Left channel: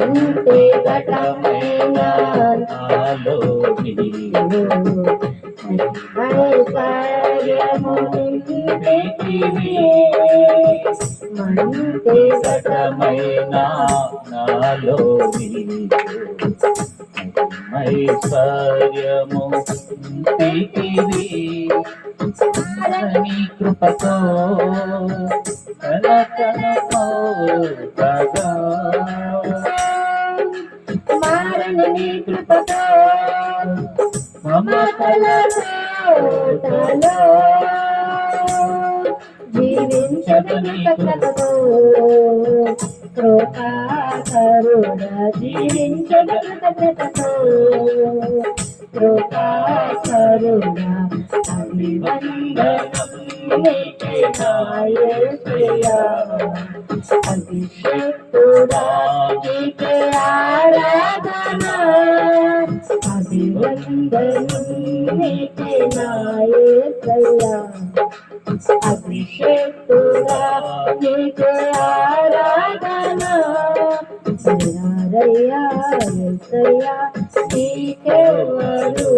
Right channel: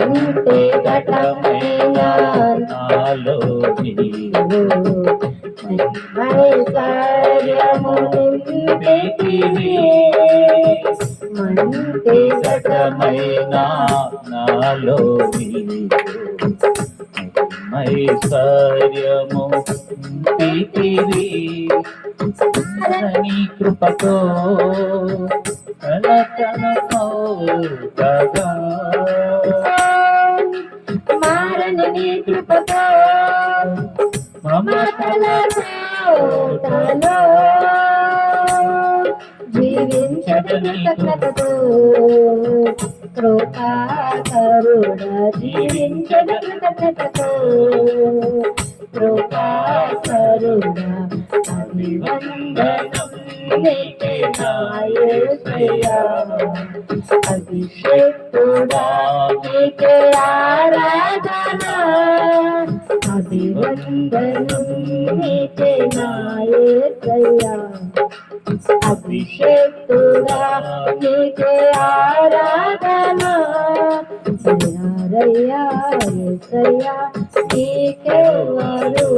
మంటే ఘటమైన నాలో నీవు ఐశ్వర్యము నింపితివి మంటే ఘటమైన నాలో నీవు ఐశ్వర్యము నింపితివి నీ కృపతో మారని నీ కృపతో మమతలతో జీవించని కృపతో కృపాకరుడ జీవించని కృపతో కృపాకరుడ అభివందనం నీకే నా యేసయ్యా అభిషేకుడా నీకే ఆరాధన అభివందనం నీకే నా యేసయ్యా అభిషేకుడా నీకే ఆరాధన యేసయ్యా యేసయ్యా నీకెవ్వరు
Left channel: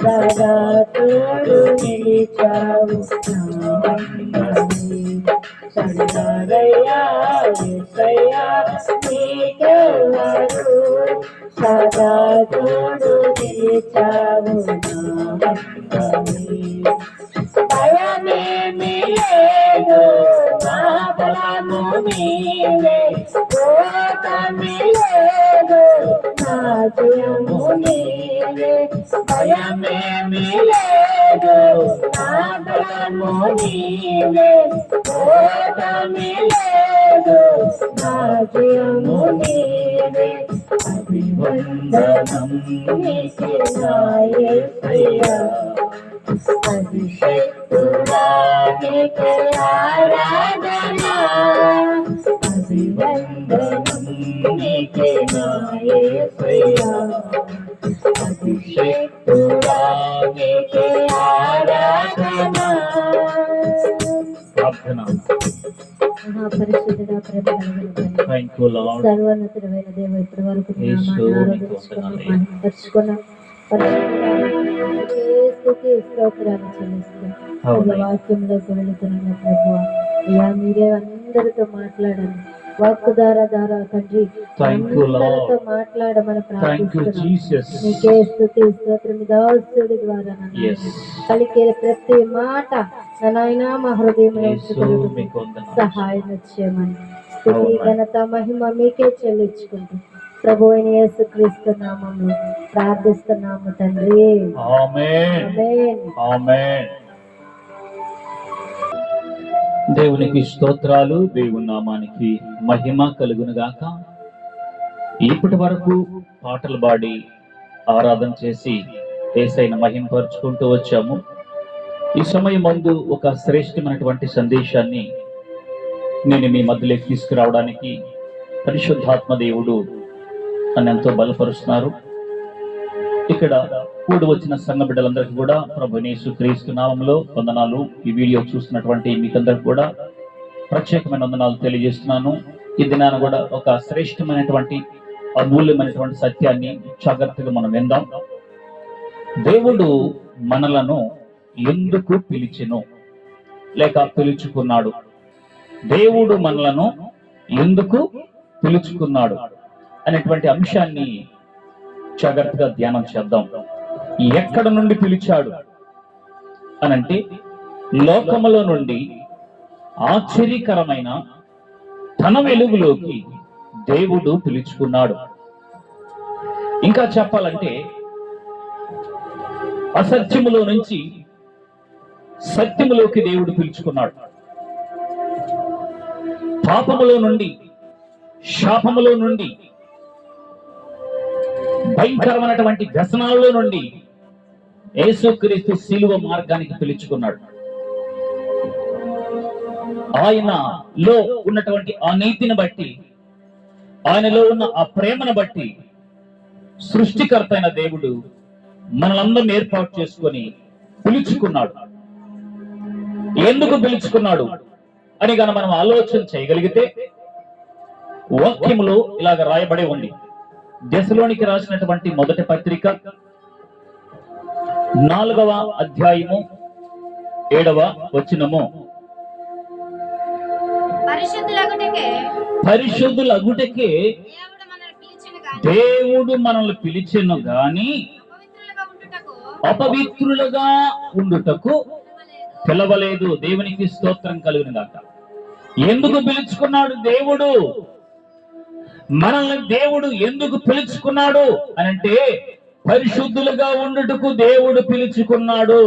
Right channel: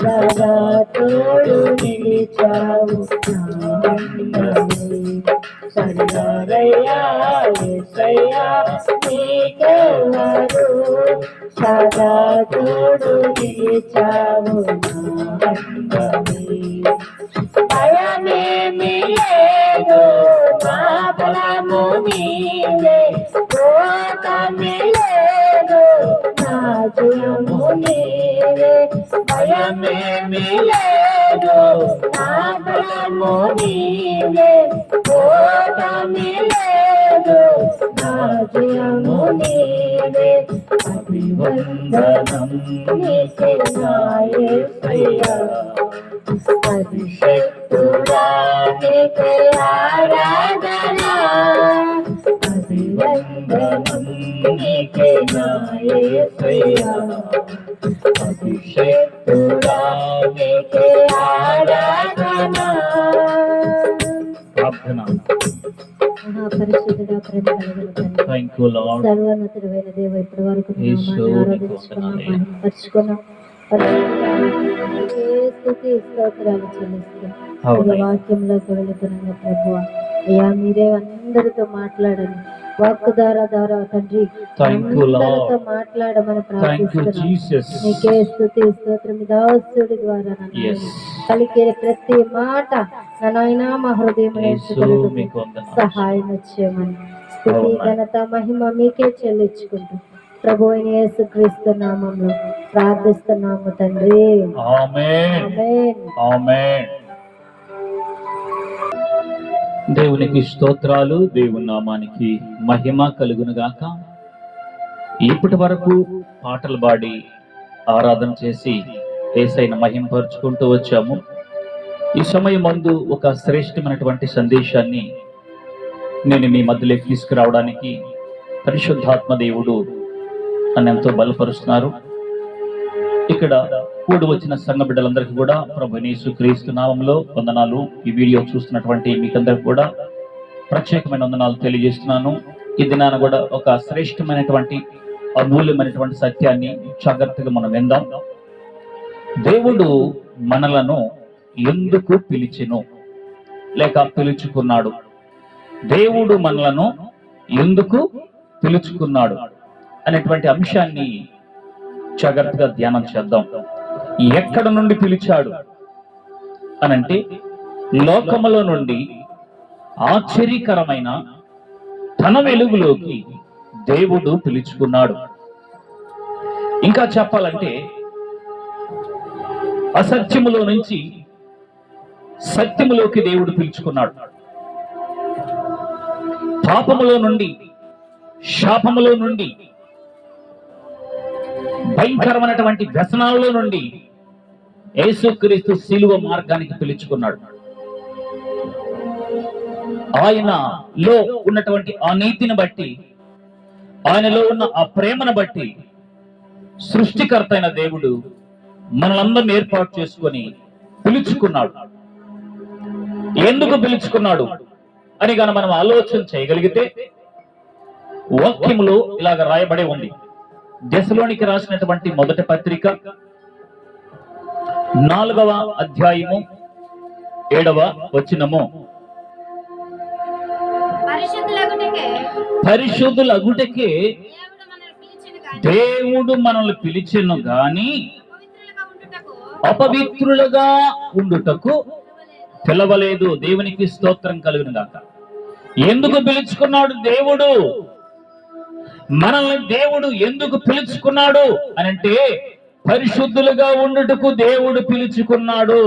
సదా తోడు నిలిచావు సదారయ్యా యేసయ్యా నీకెవ్వరు సదా తోడు నిలిచావు భయమేమి లేదు మా బలము నీవే కోపమే లేదు నా జయము నీవే భయమేమి లేదు నా బలము నీవే కోపమే లేదు నా జయము నీవే అభివందనం నీకే నా యేసయ్యా అభిషేకుడా నీకే ఆరాధన అభివందనం నీకే నా యేసయ్యా అభిషేకుడా నీకే ఆరాధన ప్రార్థన మహాపరిశుద్ధుడా ప్రేమ కలిగిన సర్వోన్నతుడైన దేవ ఇప్పటి వరకు మహిమపరుచుకున్నాం స్తోత్రాలు చెల్లిస్తాం వాక్యంలోకి వెళుతున్న ప్రభువా అయ్యా మీరే అందరితో మాట్లాడండి వాక్కు ద్వారా తండ్రి అందరితో మాట్లాడమని ప్రార్థిస్తున్నాం నీకే స్తుతి స్తోత్రం దాసుడి ద్వారా పలికే ప్రతి మాట నాయనా మా హృదయంలో సహాయం చేయమని స్తుతి ఘనత మహిమ మీకే చెల్లించుకుంటూ ప్రభు అయిన యేసుక్రీస్తు నామములో ప్రార్థిస్తున్నాము తండ్రి ఆమేన్ ఆమేన్. దేవునికి స్తోత్రాలు, దేవుని నామానికి మహిమ కలుగును గాక. ఇప్పటి వరకు పాటలు పాడి ఆరాధన చేసి యేసయ్యను మహిమపరుచుకుంటూ వచ్చాము. ఈ సమయం ముందు ఒక శ్రేష్టమైనటువంటి సందేశాన్ని నేను మీ మధ్యలోకి తీసుకురావడానికి పరిశుద్ధాత్మ దేవుడు నన్ను ఎంతో బలపరుస్తున్నారు. ఇక్కడ కూడి వచ్చిన సంఘ బిడ్డలందరికీ కూడా ప్రభువైన యేసుక్రీస్తు నామములో వందనాలు. ఈ వీడియో చూస్తున్నటువంటి మీకందరికి కూడా ప్రత్యేకమైన వందనాలు తెలియజేస్తున్నాను. ఈ దినాన కూడా ఒక శ్రేష్టమైనటువంటి అమూల్యమైనటువంటి సత్యాన్ని జాగ్రత్తగా మనం విందాం. దేవుడు మనలను ఎందుకు పిలిచెను లేక పిలుచుకున్నాడు? దేవుడు మనలను ఎందుకు పిలుచుకున్నాడు అనేటువంటి అంశాన్ని జాగ్రత్తగా ధ్యానం చేద్దాం. ఎక్కడ నుండి పిలిచాడు అనంటే లోకములో నుండి ఆశ్చర్యకరమైన తన వెలుగులోకి దేవుడు పిలుచుకున్నాడు. ఇంకా చెప్పాలంటే అసత్యములో నుంచి సత్యములోకి దేవుడు పిలుచుకున్నాడు. పాపములో నుండి శాపములో నుండి భయంకరమైనటువంటి వ్యసనాల్లో నుండి యేసుక్రీస్తు శిలువ మార్గానికి పిలుచుకున్నాడు. ఆయనలో ఉన్నటువంటి ఆ నీతిని బట్టి, ఆయనలో ఉన్న ఆ ప్రేమను బట్టి సృష్టికర్త అయిన దేవుడు మనలందరం ఏర్పాటు చేసుకొని పిలుచుకున్నాడు. ఎందుకు పిలుచుకున్నాడు అని గాని మనం ఆలోచన చేయగలిగితే వాక్యములో ఇలాగ రాయబడి ఉంది. దెసలోనికి రాసినటువంటి మొదటి పత్రిక 4వ అధ్యాయము 7వ వచనము. పరిశుద్ధులగుటకే దేవుడు మనల్ని పిలిచెను గాని అపవిత్రులుగా ఉండుటకు పిలవలేదు. దేవునికి స్తోత్రం కలుగును గాక. ఎందుకు పిలుచుకున్నాడు దేవుడు మనల్ని? దేవుడు ఎందుకు పిలుచుకున్నాడు అనంటే పరిశుద్ధులుగా ఉండుటకు దేవుడు పిలుచుకున్నాడు.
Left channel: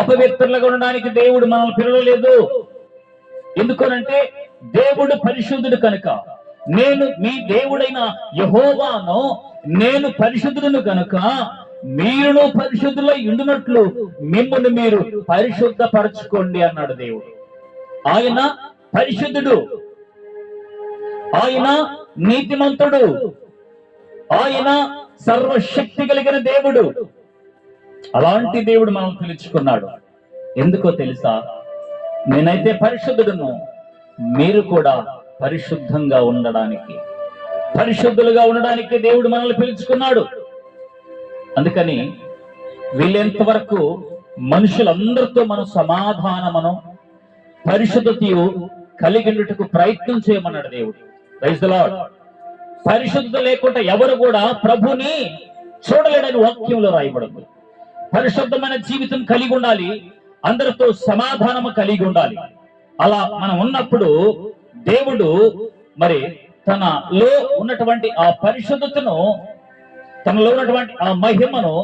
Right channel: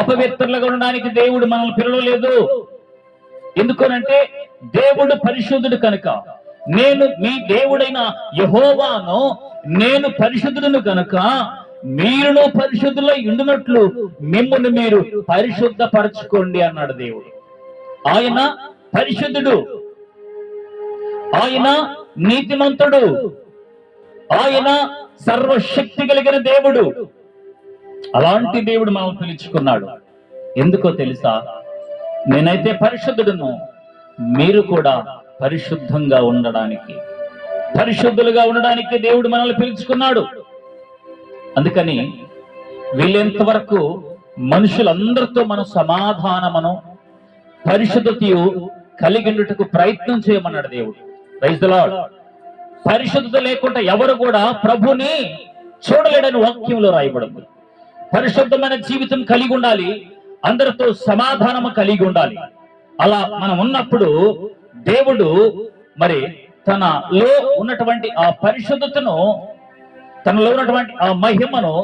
అపవిత్రులుగా ఉండడానికి దేవుడు మనల్ని పిలవలేదు. ఎందుకనంటే దేవుడు పరిశుద్ధుడు కనుక. నేను మీ దేవుడైన యెహోవాను, నేను పరిశుద్ధుడును కనుక మీరును పరిశుద్ధులై ఉండునట్లు మిమ్మల్ని మీరు పరిశుద్ధపరచుకోండి అన్నాడు దేవుడు. ఆయన పరిశుద్ధుడు, ఆయన నీతిమంతుడు, ఆయన సర్వశక్తి కలిగిన దేవుడు. అలాంటి దేవుడు మనం పిలుచుకున్నాడు. ఎందుకో తెలుసా? నేనైతే పరిశుద్ధుడును, మీరు కూడా పరిశుద్ధంగా ఉండడానికి, పరిశుద్ధులుగా ఉండడానికి దేవుడు మనల్ని పిలుచుకున్నాడు. అందుకని వీళ్ళెంత వరకు మనుషులందరితో మనం సమాధానమును పరిశుద్ధతయు కలిగినట్టుకు ప్రయత్నం చేయమన్నాడు దేవుడు. Praise the Lord. పరిశుద్ధత లేకుండా ఎవరు కూడా ప్రభుని చూడలేడని వాక్యంలో రాయబడింది. పరిశుద్ధమైన జీవితం కలిగి ఉండాలి, అందరితో సమాధానము కలిగి ఉండాలి. అలా మనం ఉన్నప్పుడు దేవుడు మరి తనలో ఉన్నటువంటి ఆ పరిశుద్ధతను, తనలో ఉన్నటువంటి ఆ మహిమను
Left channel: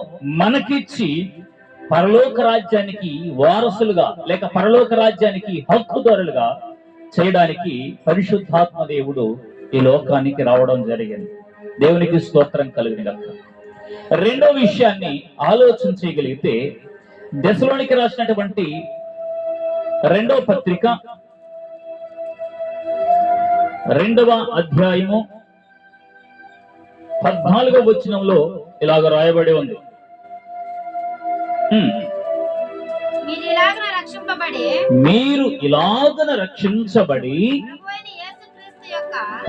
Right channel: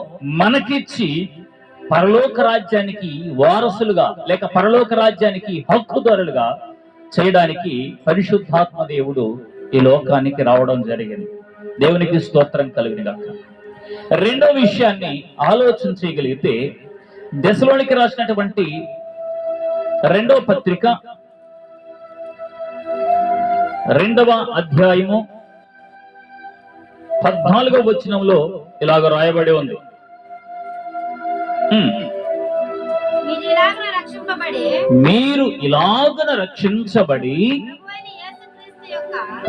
మనకిచ్చి పరలోక రాజ్యానికి వారసులుగా లేక పరలోక రాజ్యానికి హక్కుదారులుగా చేయడానికి పరిశుద్ధాత్మ దేవుడు ఈ లోకానికి రావడం జరిగింది. దేవునికి స్తోత్రం కలుగును గాక. రెండో విషయాన్ని ఆలోచన చేయగలిగితే దెసలోనికి రాసినటువంటి 2వ పత్రిక 2వ అధ్యాయము 14వ వచనంలో ఇలాగ రాయబడి ఉంది. మీరు ఇలాగన రక్షించబడి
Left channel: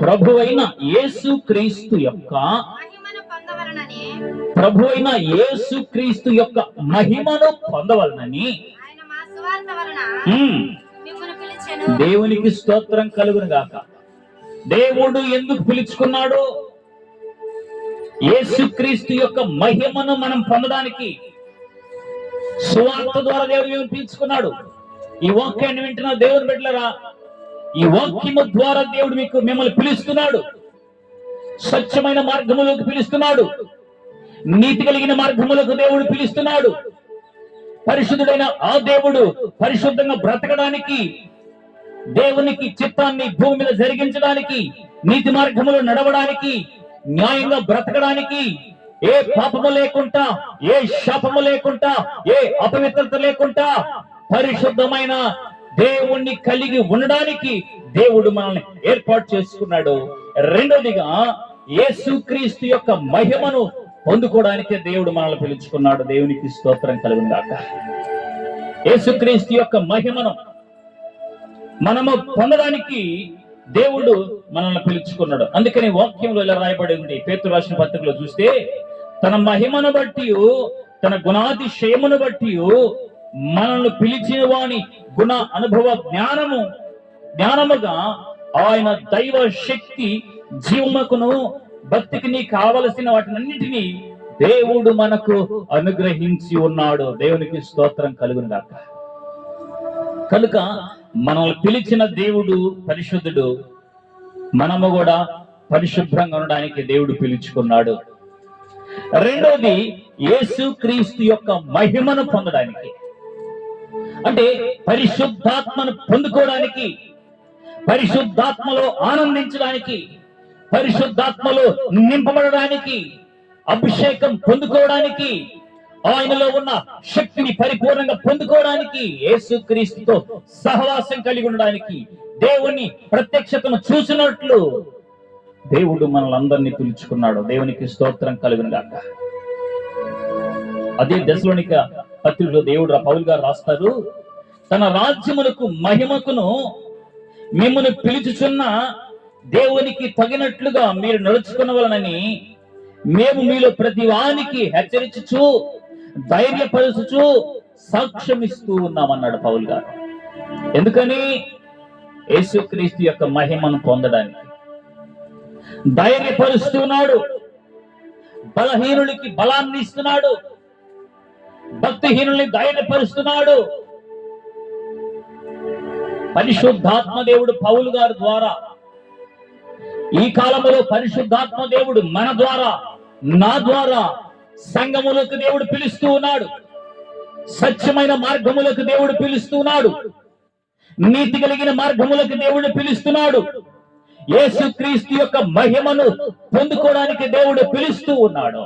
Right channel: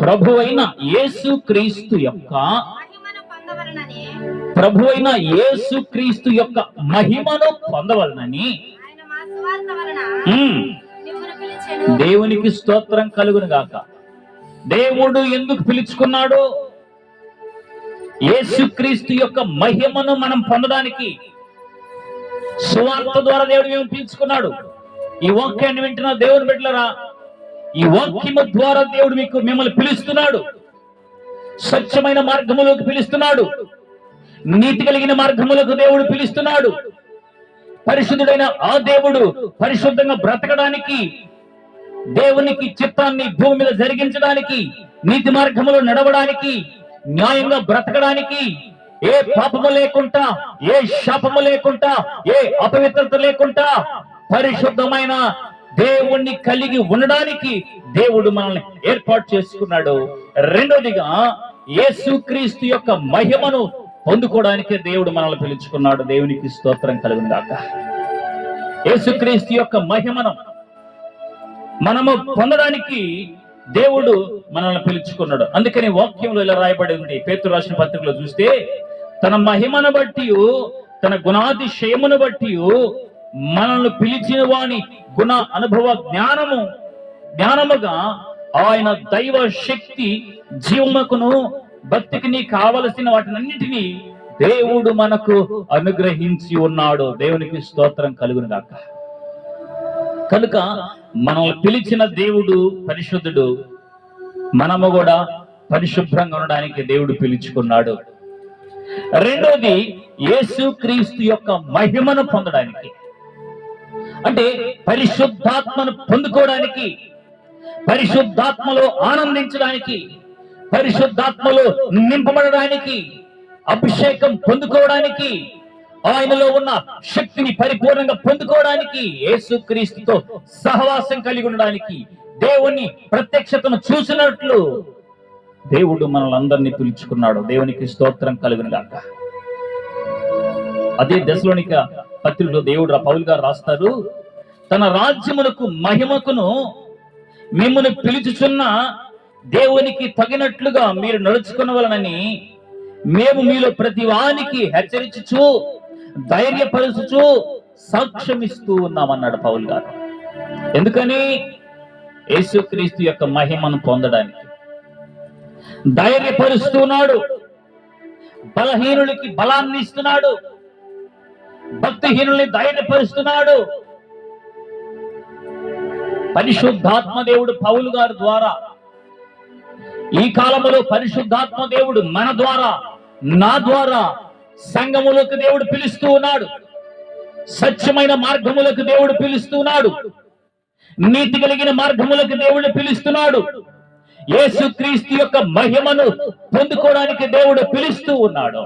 ప్రభువైన యేసుక్రీస్తు యొక్క మహిమను పొందవలనని దేవునికి స్తోత్రం కలుగును గాక. దేవుడు ఎందుకు పిలుచుకున్నాడు? యేసుక్రీస్తు యొక్క మహిమను మనం పొందడానికి. సువార్త ద్వారా దేవుడు పిలుచుకున్నాడు. ఈ వాక్యాన్ని వింటున్న దేవుని బిడ్డలారా, ఈ వాక్యము ద్వారా దేవుడు మిమ్మల్ని పిలుస్తున్నాడు. స్వచ్ఛమైన మార్గములోకి పిలుస్తున్నాడు. నీతి కలిగిన మార్గములకు దేవుడు పిలుస్తున్నాడు. పరిశుద్ధుడైన ఆ దేవుడు పరిశుద్ధంగా బ్రతకడానికి, దేవునికి చిత్తాన్ని భూమి మీద జరిగించడానికి, నీతి మార్గములో నడవడానికి, న్యాయంగా బ్రతకడానికి, ఏ పాపము లేకుండా, ఏ శాపము లేకుండా, ఏ అపవిత్రత లేకుండా పరిశుద్ధమైన దేవుణ్ణి కలిగి ఉండడానికి దేవుడు మనల్ని ఏర్పాటు చేసుకున్నాడు. రెండోదిగా యేసుక్రీస్తు యొక్క మహిమను పొందుకోవడానికే దేవుడు మనల్ని పిలుచుకున్నాడు. దేవునికి స్తోత్రం కలుగును గాక. యేసుక్రీస్తు యొక్క మహిమను మనము పొందడానికి దేవుడు మనల్ని పిలుచుకున్నాడు. అందుకని వాక్యంలో ఇలా రాయబడి ఉంది. పేతురు రాసిన పత్రికలో చూస్తే, తన మహిమను బట్టి, తన గుణాతిశయమును బట్టి మనల్ని పిలిచిన వాని గుణ అనుభవ జ్ఞానముగా ఆయన దైవ శక్తి జీవముకును భక్తికి నీ కావలసిన వాటినన్నిటినీ దేవుడు మనకు అనుగ్రహించి ఉన్నాడు. దేవునికి స్తోత్రం కలుగును గాక. కనుక మనల్ని పిలిచిన దేవుడు పరిశుద్ధుడు. మనము కూడా పరిశుభ్రంగా ఉండడానికి దేవుడు పిలుచుకున్నాడు. రెండోది యేసుక్రీస్తు యొక్క మహిమను పొందడానికి, అంటే పరిశుద్ధాత్మను పొందుకోవడానికి, పరిశుద్ధాత్మలో ఆనందించడానికి, పరిశుద్ధాత్మలో నింపబడడానికి, అభిషేకం పొందుకోవడానికి, ఆయనలో ఉన్న శక్తిని పరిపూర్ణంగా పొందుకోవడానికి, యేసుక్రీస్తుతో సహవాసం కలిగి ఉండడానికి, దేవుని ప్రత్యక్షతను చూసినట్లు దేవుడు మనల్ని అందరినీ పిలుచుకున్నాడు. దేవునికి స్తోత్రం కలుగును గాక. అదే దశలోనిక పత్రికలో దేవుడు పౌలు గారు రాస్తారు, తన రాజ్యమునకు మహిమకును మిమ్మల్ని పిలుచుచున్న దేవునికి తగినట్లుగా మీరు నడుచుకునవలనని మేము మీలో ప్రతి వానికి హెచ్చరించుచు ధైర్యపరుచుచు సాక్ష్యమిస్తూ ఉన్నామన్నాడు పౌలు గారు. ఎందుకని? యేసుక్రీస్తు యొక్క మహిమను పొందడానికి ధైర్యపరుస్తున్నాడు, బలహీనులకి బలాన్ని ఇస్తున్నాడు, భక్తిహీనుల్ని ధైర్యపరుస్తున్నాడు. పరిశుద్ధాత్మ దేవుడు పౌలు గారి ద్వారా, ఈ కాలంలో పరిశుద్ధాత్మ దేవుడు మన ద్వారా, నా ద్వారా సంఘములకు దేవుడు పిలుస్తూ ఉన్నాడు. సత్యమైన మార్గములకు దేవుడు పిలుస్తూ ఉన్నాడు. నీతి కలిగిన మార్గములకు దేవుడు పిలుస్తున్నాడు. యేసుక్రీస్తు యొక్క మహిమను పొందుకోవడానికి దేవుడు పిలుస్తూ ఉన్నాడు.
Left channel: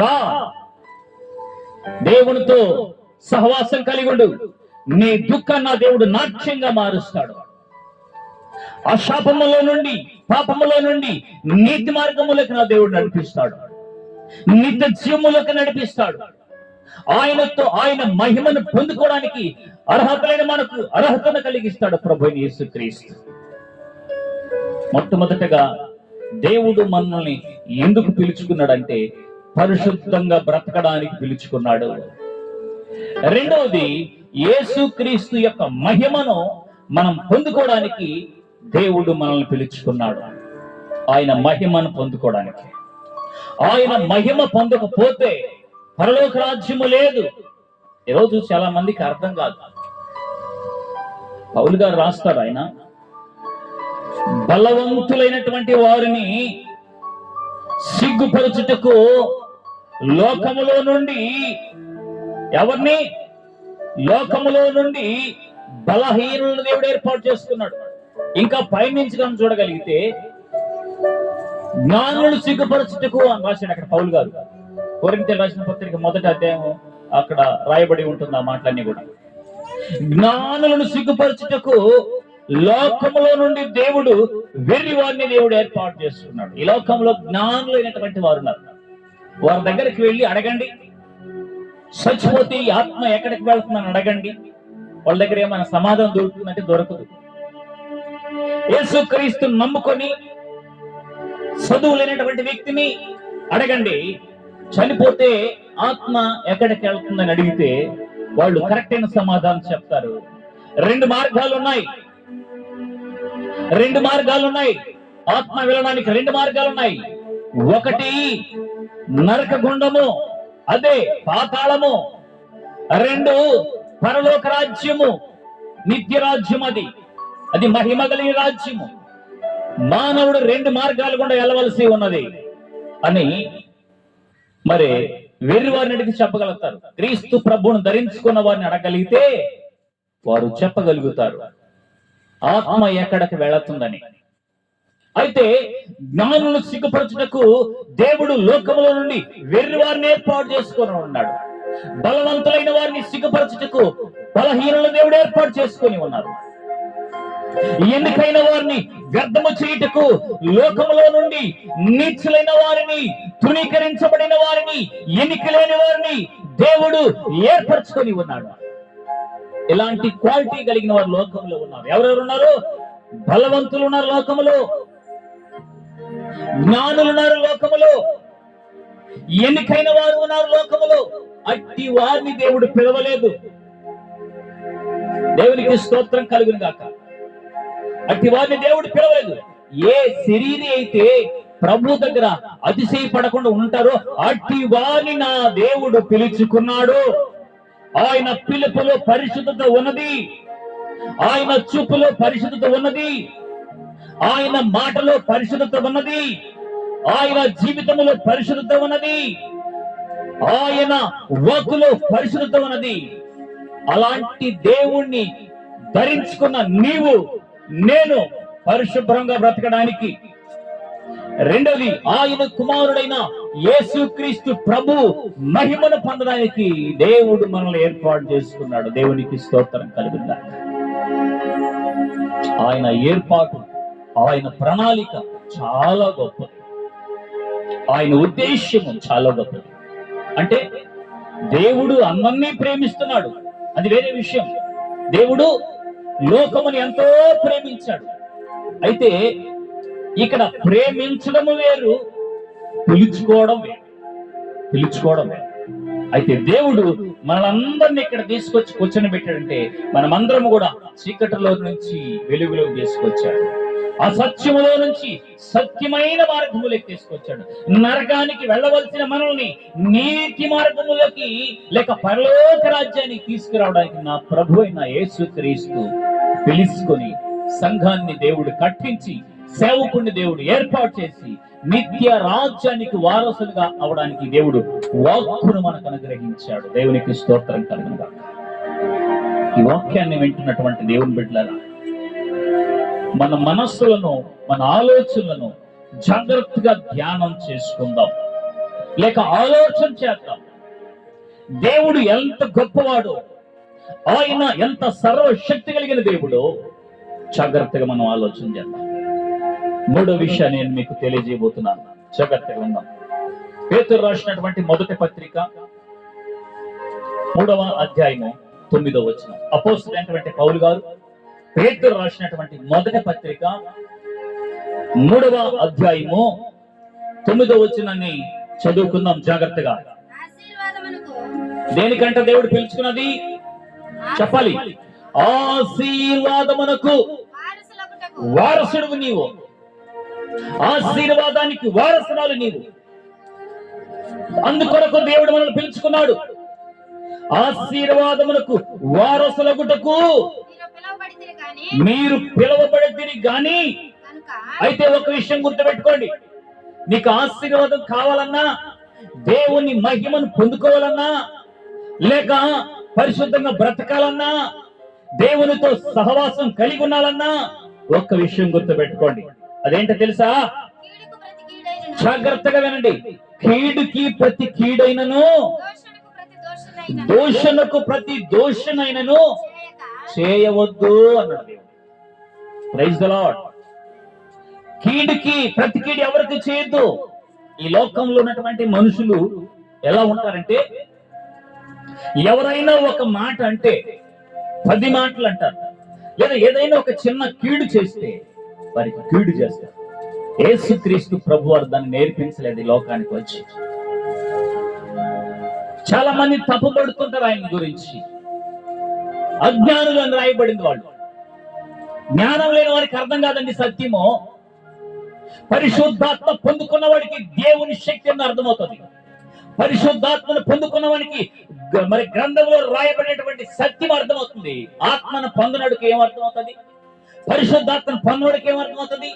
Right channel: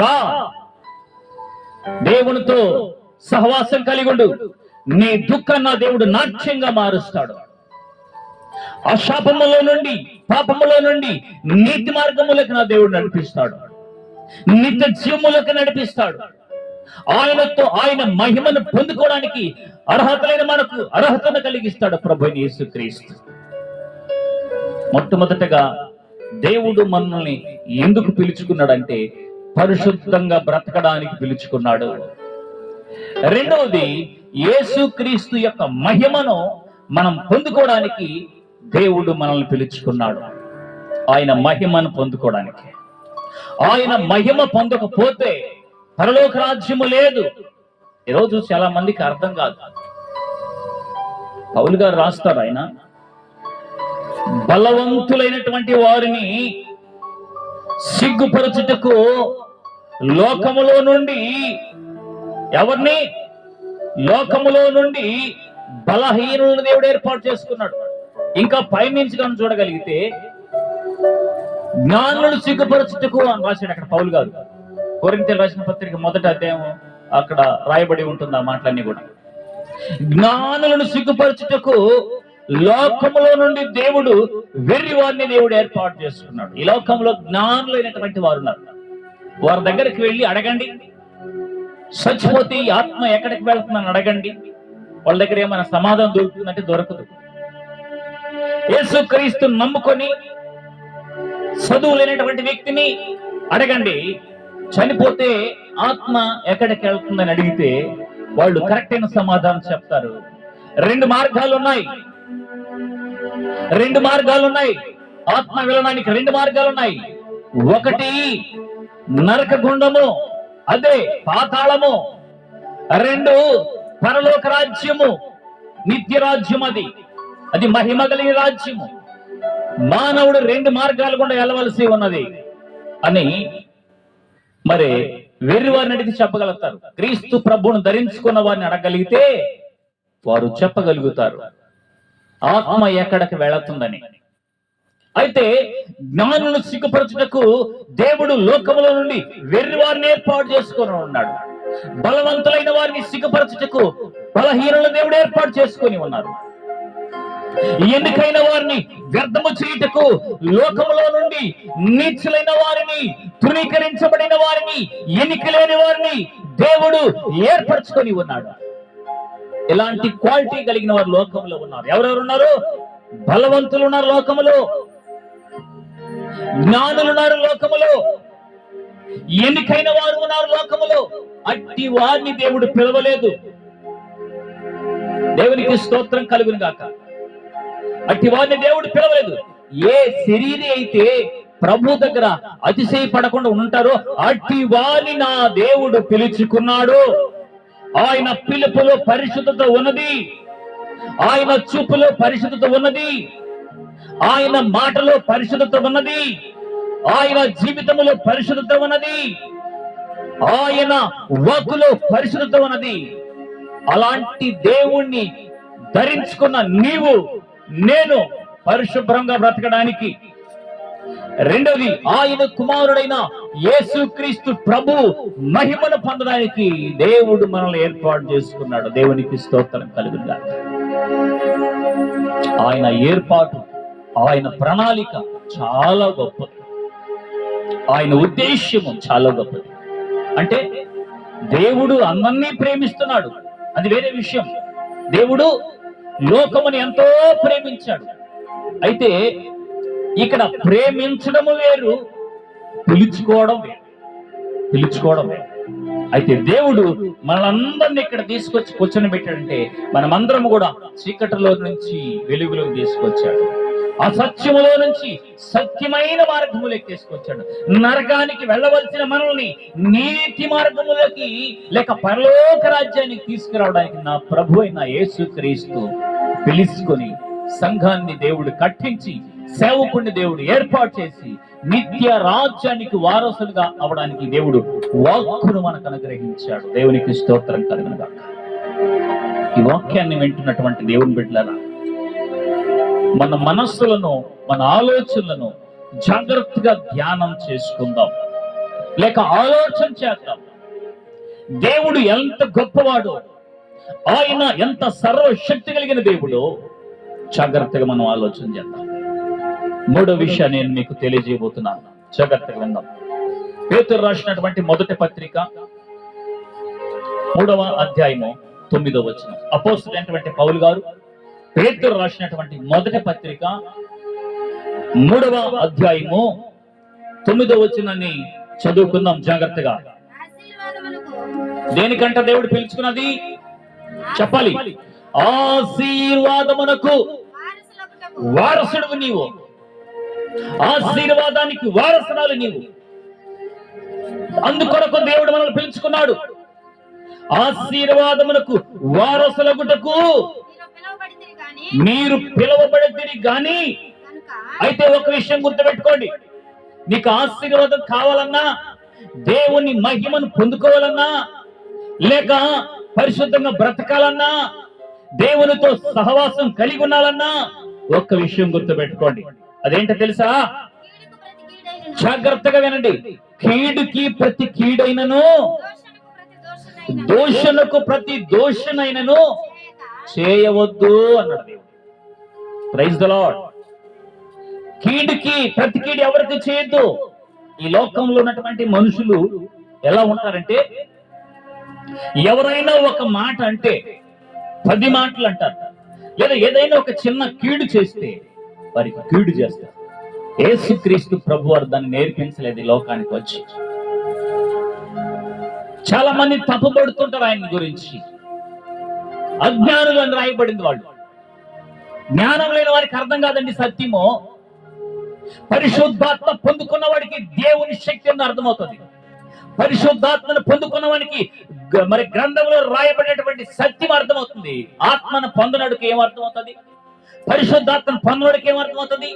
రా, దేవునితో సహవాసం కలిగి ఉండు. నీ దుఃఖాన్ని నా దేవుడు నాట్యంగా మారుస్తాడు. ఆ శాపములో నుండి, పాపములో నుండి నీతి మార్గములకు నా దేవుడు నడిపిస్తాడు. నిత్య జీవములకు నడిపిస్తాడు. ఆయనతో ఆయన మహిమను పొందుకోవడానికి అర్హతలైన మనకు అర్హతను కలిగిస్తాడు ప్రభువైన యేసుక్రీస్తు. మొట్టమొదటగా దేవుడు మనల్ని ఎందుకు పిలుచుకున్నాడంటే పరిశుద్ధంగా బ్రతకడానికి పిలుచుకున్నాడు. రెండవది, యేసుక్రీస్తు యొక్క మహిమను మనం పొందుకోవడానికి దేవుడు మనల్ని పిలుచుకున్నాడు. ఆయన మహిమను పొందుకోవడానికి. ఆయన మహిమ పొందకపోతే పరలోక రాజ్యము లేదు. ఈరోజు చాలా మందికి అర్థం కాదు. పౌలు గారు రాస్తారు, ఆయన బలవంతులైనటువంటి వారిని సిగ్గుపరచుటకు లోకములో నుండి, ఎవరిని? లోకములో నుండి బలహీనులను దేవుడు ఏర్పాటు చేసుకున్నాడు. ఇంకా పైనుంచి మనం చూడగలిగితే జ్ఞానులు సిగ్గుపరచుటకు అని రాశాడు అక్కడ పౌలు గారు. కొరింథీయులకు రాసిన పత్రిక 1వ అధ్యాయం అక్కడ రాయబడి ఉంటుంది ఆ మాటలన్నీ కూడా. జ్ఞానులను సిగ్గుపరచుటకు లోకములో నుండి దేవుడు వెర్రి వారిని దేవుడు ఏర్పాటు చేసుకున్నాడు. ఈ లోకంలో జ్ఞానులైనటువంటి వారు ఉన్నారు. వారి దగ్గరికి వెళ్ళి అడగండి, చచ్చిపోతే ఈ ఆత్మ ఎక్కడికి వెళ్తుందని అడగండి. వాళ్ళ దగ్గర ఏమైనా సమాధానం దొరుకుతుందంటే దొరకదు. యేసుక్రీస్తుని నమ్ముకొని చదువు లేనటువంటి వ్యక్తిని అడగండి, చనిపోతే ఆత్మ ఎక్కడికి వెళ్తుందని అడిగితే వాళ్ళు కరెక్ట్ అయిన సమాధానం చెప్తారు. రెండు మార్గాలు ఉన్నాయి. ఆత్మ వెళ్ళడానికి రెండు మార్గాలు ఉన్నాయి. ఒకటి నరక గుండము, అదే పాతాళము. రెండు పరలోక రాజ్యము, నిత్య రాజ్యం. అది మహిమ కలిగిన రాజ్యము. మానవుడు రెండు మార్గాలు గుండా వెళ్ళవలసి ఉన్నది అని మరి వెర్రి వారిని అడిగి చెప్పగలుగుతారు. క్రీస్తు ప్రభువును ధరించుకున్న వారిని అడగలిగితే వారు చెప్పగలుగుతారు ఆత్మ ఎక్కడికి వెళుతుందని. అయితే జ్ఞానులను సిగ్గుపరచుటకు దేవుడు లోకములో నుండి వెర్రి వారిని ఏర్పాటు చేసుకొని ఉన్నాడు. బలవంతులైన వారిని సిగ్గుపరచుటకు బలహీనుల దేవుడు ఏర్పాటు చేసుకొని ఉన్నారు. ఎన్నికైన వారిని వ్యర్థము చేయుటకు లోకములో నుండి నీచులైన వారిని, తృణీకరించబడిన వారిని, ఎన్నిక లేని వారిని దేవుడు ఏర్పరచుకొని ఉన్నాడు. ఇలాంటి క్వాలిటీ కలిగిన వారు లోకంలో ఉన్నారు. ఎవరెవరు ఉన్నారు? బలవంతులు ఉన్నారు లోకములో, జ్ఞానులు ఉన్నారు లోకములో, ఎన్నికైన వారు ఉన్నారు లోకములో. అట్టి వారిని దేవుడు పిలవలేదు. దేవునికి స్తోత్రం కలుగును గాక. అట్టి వారిని దేవుడు పిలవలేదు. ఏ శరీరి అయితే ప్రభు దగ్గర అతిశయపడకుండా ఉంటారో అట్టి వారిని నా దేవుడు పిలుచుకున్నాడు. ఆయన పిలుపులో పరిశుద్ధత ఉన్నది, ఆయన చూపులో పరిశుద్ధత ఉన్నది, ఆయన మాటలో పరిశుద్ధత ఉన్నది, ఆయన జీవితంలో పరిశుద్ధత ఉన్నది, ఆయన వాక్కులో పరిశుద్ధత ఉన్నది. అలాంటి దేవుణ్ణి ధరించుకున్న నీవు నేను పరిశుభ్రంగా బ్రతకడానికి, రెండవది ఆయన కుమారుడైన యేసుక్రీస్తు ప్రభు మహిమను పొందడానికి దేవుడు మనల్ని ఏర్పాటు చేసుకున్నాడు. దేవునికి స్తోత్రం కలుగుగా. ఆయన ఏర్పాటు, ఆయన ప్రణాళిక చాలా గొప్పది. ఆయన ఉద్దేశ్యము చాలా గొప్పది. అంటే దేవుడు అందరినీ ప్రేమిస్తున్నాడు, అది వేరే విషయం. దేవుడు లోకముని ఎంతో ప్రేమించాడు. అయితే ఇక్కడ ప్రేమించడము వేరు, పిలుచుకోవడం వేరు. పిలుచుకోవడం వేరు. అయితే దేవుడు మనందరిని ఇక్కడ తీసుకొచ్చి కూర్చొని పెట్టాడంటే మనమందరం కూడా చీకటిలో నుంచి వెలుగులోకి తీసుకొచ్చాడు. అసత్యములో నుంచి సత్యమైన మార్గములోకి తీసుకొచ్చాడు. నరకానికి వెళ్ళవలసిన మనల్ని నీతి మార్గములోకి లేక పరలోక రాజ్యానికి తీసుకురావడానికి నా ప్రభు అయిన యేసుక్రీస్తు పిలుచుకొని సంఘాన్ని దేవుడు కట్టించి సేవకుడిని దేవుడు ఏర్పాటు చేసి నిత్య రాజ్యానికి వారసులుగా అవడానికి దేవుడు వాక్కును మనకు అనుగ్రహించాడు. దేవునికి స్తోత్రం కలుగును గాక. ఈ వాక్యాన్ని వింటున్నటువంటి దేవుని బిడ్డలారా, మన మనస్సులను మన ఆలోచనలను జాగ్రత్తగా ధ్యానం చేసుకుందాం, లేక ఆలోచన చేద్దాం. దేవుడు ఎంత గొప్పవాడో, ఆయన ఎంత సర్వశక్తి కలిగిన దేవుడో జాగ్రత్తగా మనం ఆలోచన చేద్దాం. మూడో విషయాన్ని నేను మీకు తెలియజేయబోతున్నాను, జాగ్రత్తగా విందాం. పేతురు రాసినటువంటి మొదటి పత్రిక 3వ అధ్యాయము 9వ వచనం. అపోస్తలుడైనటువంటి పౌలు గారు పేతురు రాసినటువంటి మొదటి పత్రిక 3వ అధ్యాయము 9వ వచనాన్ని చదువుకుందాం జాగ్రత్తగా. దేనికంట దేవుడు పిలుచుకున్నది చెప్పాలి. ఆశీర్వాదమునకు వారసుడు నీవు, ఆశీర్వాదానికి వారసురాలు నీవు. అందుకొరకు దేవుడు మనల్ని పిలుచుకున్నాడు. ఆశీర్వాదమునకు వారసులగుటకు మీరు పిలువబడితిరి గాని. అయితే ఒక విషయం గుర్తుపెట్టుకోండి, నీకు ఆశీర్వాదం కావాలన్నా, దేవుని మహిమను పొందుకోవాలన్నా, లేక పరిశుద్ధంగా బ్రతకాలన్నా, దేవునితో సహవాసం కలిగి ఉండాలన్నా ఒక్క విషయం గుర్తుపెట్టుకోండి. అదేంటో తెలుసా? జాగ్రత్తగా వినండి. కీడుకి ప్రతి కీడైనను, దోషణకు ప్రతి దోషణైనను చేయవద్దు అన్నాడు దేవుడు. Praise the lord. కీడుకి ప్రతి కీడు ఎవరికి చేయొద్దు. ఈ లోకంలో ఉన్నటువంటి మనుషులు ఎలా ఉంటారంటే, ఎవరైనా ఒక మాట అంటే 10 మాటలు అంటారు, లేదా ఏదైనా ఒక చిన్న కీడు చేస్తే వారికి కీడు చేస్తారు. యేసుక్రీస్తు ప్రభు వారు దాన్ని నేర్పించలేదు ఈ లోకానికి వచ్చి. చాలా మంది తప్పుపడుతుంటారు ఆయన గురించి. అజ్ఞానులు అని రాయబడింది. వాళ్ళు జ్ఞానం లేని వారికి అర్థం కాదండి సత్యము. పరిశుద్ధాత్మ పొందుకున్న వాడికి దేవుని శక్తి అని అర్థమవుతుంది. పరిశుద్ధాత్మను పొందుకున్న వానికి మరి గ్రంథంలో రాయబడినటువంటి సత్యం అర్థమవుతుంది. ఆత్మను పొందనడికి ఏం అర్థమవుతుంది? పరిశుద్ధాత్మను పొందనడికి ఏం అర్థమవుతుంది?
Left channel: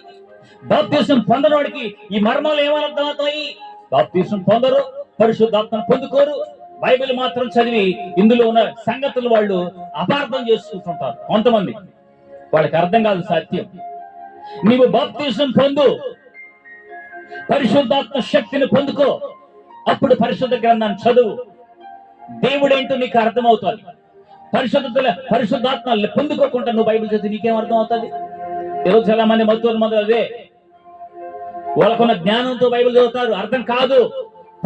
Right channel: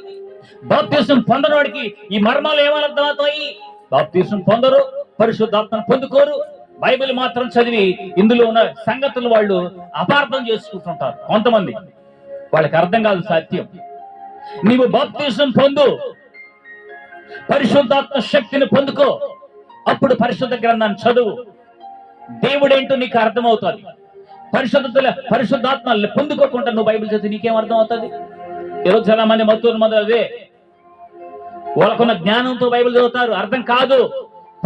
బాప్తిసం పొందనవాడికి ఈ మర్మాలు ఏమని అర్థమవుతాయి? బాప్తిసం పొందరు, పరిశుద్ధాత్మను పొందుకోరు, బైబిల్ మాత్రం చదివి ఇందులో ఉన్న సంగతులు వాళ్ళు అపార్థం చేసుకుంటుంటారు. కొంతమంది వాళ్ళకి అర్థం కాదు సత్యం. నీవు బాప్తిసం పొందు, పరిశుద్ధాత్మ శక్తిని పొందుకో, అప్పుడు పరిశుద్ధ గ్రంథాన్ని చదువు, దేవుడేంటో నీకు అర్థమవుతుంది. పరిశుద్ధాత్మ పొందుకోకుండా నువ్వు బైబిల్ చదివి నీకేం అర్థం అవుతుంది? ఈరోజు చాలా మంది మొత్తం అదే వాళ్ళకున్న జ్ఞానంతో బైబిల్ చదువుతారు, అర్థం కాదు.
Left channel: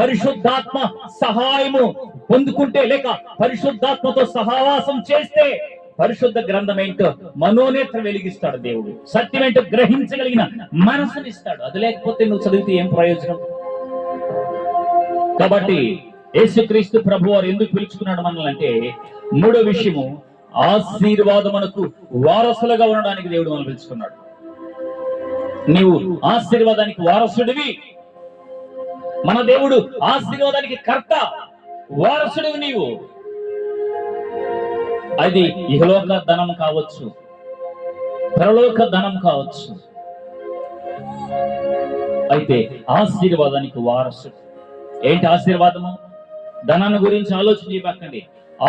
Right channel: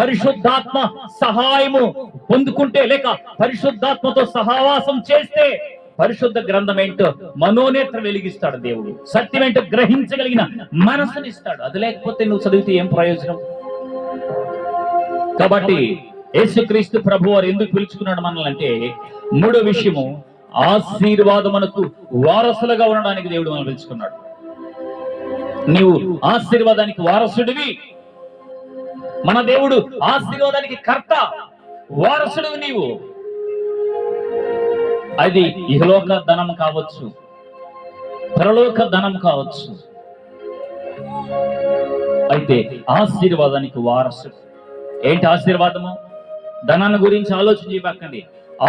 పరిశుద్ధాత్మ సహాయము పొందుకుంటే, లేక పరిశుద్ధాత్మతో సహవాసం చేస్తే పరిశుద్ధ గ్రంథం ఏంటో మనోనేత్ర వెలిగిస్తాడు దేవుడు. సత్యం ఏంటో గ్రహించగలిగిన మనసునిస్తాడు. అది లేకపోతే నువ్వు చదివితే ఏం ప్రయోజనం? కాబట్టి యేసుక్రీస్తు ప్రభు వారు ఎందుకు పిలుచుకున్నాడు మనల్ని అంటే, మూడో విషయము, ఆశీర్వాదమునకు వారసులుగా ఉండడానికి దేవుడు మనల్ని పిలుచుకున్నాడు. నీవు ఆశీర్వాదానికి వారసుడివి. మన దేవుడు ఆశీర్వాదానికి కర్త, వారసుడివి నీవు. అది ఇహలోక ధనం కావచ్చు, పరలోక ధనం కావచ్చు. అయితే ఆశీర్వాదానికి వారసుడు. ఏంటి ఆశీర్వాదము? ధనాన్ని గురించి ఆలోచన చేయకండి.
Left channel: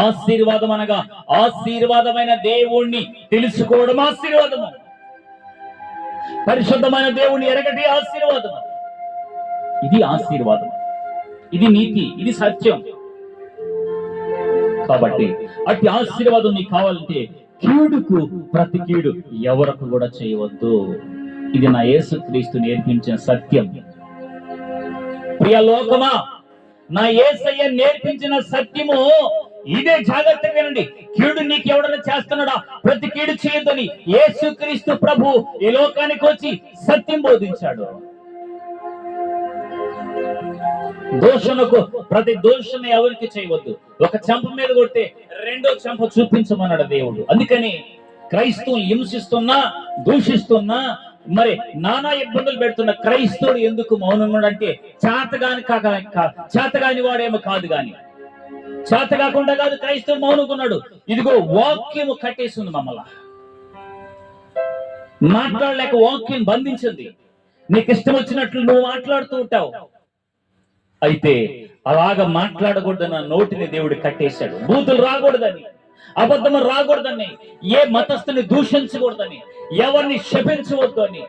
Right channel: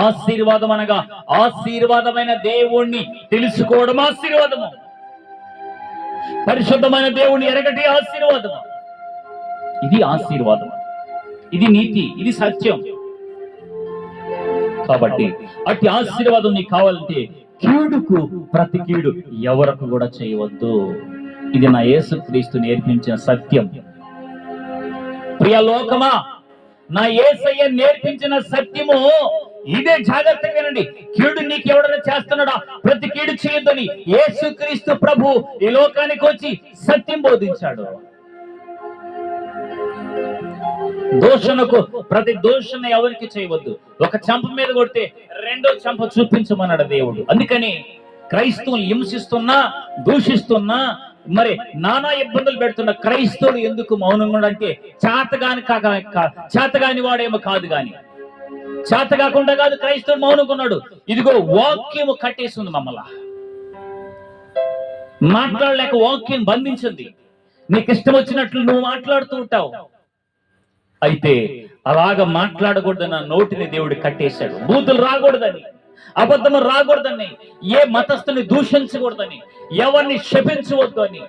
ఆశీర్వాదం అనగా ఆశీర్వాదమైన దేవుణ్ణి తెలుసుకోవడం ఆశీర్వాదము. పరిశుద్ధమైన దేవుణ్ణి ఎరగటి ఆశీర్వాదము. ఇది ఆశీర్వాదం, ఇది నీతి, ఇది సత్యం. కాబట్టి అట్టి ఆశీర్వాదం నీకు కావాలంటే కీడుకు ప్రతి కీడు ఎవరికి కూడా చేయవద్దు. ఇది నా యేసుక్రీస్తు నేర్పించిన సత్యం. ప్రియ లోకమా, నా యేసయ్య నేర్పించిన సత్యము ఇదే జాగ్రత్తగా వినండి. కీడు నీకు ఎవడన్నా చేస్తున్నాడా, ప్రతి కీడు చేయొద్దని యేసుక్రీస్తు ప్రభు ఈ లోకానికి వచ్చి సత్యం బోధించాడు. ప్రతి దోషణ ఎవరికి చేయవద్దు. ఒక చెంప మీద కొడితే రెండో చెంప చూపించమన్నాడు దేవుడు. అందుకని క్రైస్తవులు హింసిస్తున్నా, దూషిస్తున్నా, మరి నానా ఇబ్బందులు పెడుతున్న క్రైస్తవుడు ఎందుకు మౌనంగా అంటే చేతగాని వాడేమో కాదు, గాని చేత కాకుండా కాదు క్రైస్తవుడు మౌనంగా ఉన్నాడు. ఇదిగో వాక్యము కట్టేసింది మమ్మల్ని, మాట్లాడలేక వాక్యం బంధించింది. నీకు ఇష్టం వచ్చినట్లు నువ్వు మాట్లాడుతూ ఉంటావు. అయితే అలాగా మాట్లాడకూడదన్న నోటిని దేవుడు కట్టేశాడు. బూతులు రాకూడదని, అబద్ధము రాకూడదని, ఏ మతస్థుని దూషించకూడదని, ఎవరిని శపించవద్దు అని,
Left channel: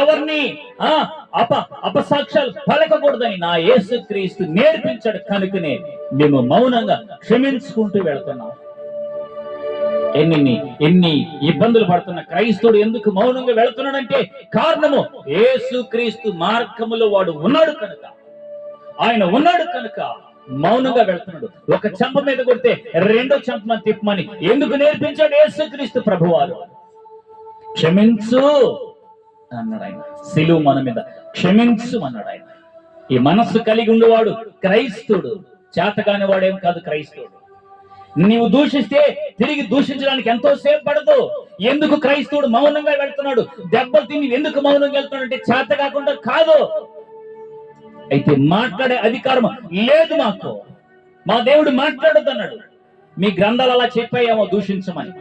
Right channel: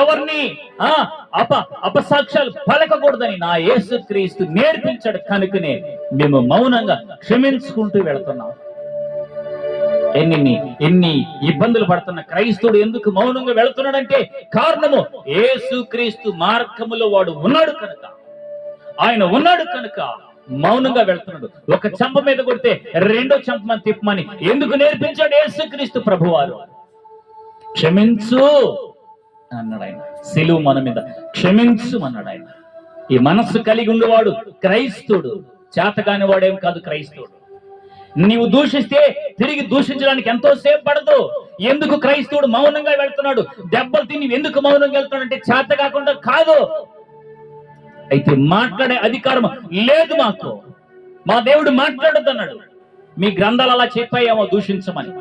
ఎవరిని అపసాక్ష్యాలు పలకకూడదని నా యేసుక్రీస్తు నేర్పించాడు. కనుకనే మేము మౌనంగా క్షమించుకుంటూ వెళ్తున్నాం. ఎన్ని ఇబ్బందులు పడుతున్న క్రైస్తవుడు ఎందుకు మౌనంగా వెళుతున్నాడంటే కారణము యేసుక్రీస్తు మార్గములో వాడు ఉన్నాడు కనుక, ఆయన ఉన్నాడు కనుక మౌనంగా వెళ్తున్నాడు. ఒక చెంప మీద కొడితే రెండో చెంపమని తిప్పమని ఎందుకు నేర్పించాడు యేసుక్రీస్తు ప్రభువారు? క్షమించు అన్నాడు ఆయన. సిలువ మన మీద క్షమించు అన్నాడు ఆయన. ఈ మనస్సు కలిగి ఉండేవాడు క్రైస్తవుడు, చేతగాని వాడేం కాదు క్రైస్తవుడు. నీవు దూషిస్తే తిరిగి దూషించడానికి ఎంతో సేపు పడదు. ఎందుకు క్రైస్తవుడు మౌనంగా వెళ్తున్నాడు? దెబ్బలు తిని ఎందుకు మౌనంగా వెళ్తున్నాడు అంటే చేత కాకుండా కాదు. అయితే మాట్లాడే అధికారం లేదు మాకు. మా దేవుడు మాట్లాడొద్దు అన్నాడు. మీ గ్రంథాలు అలా చెప్పాయేమో దూషించమని,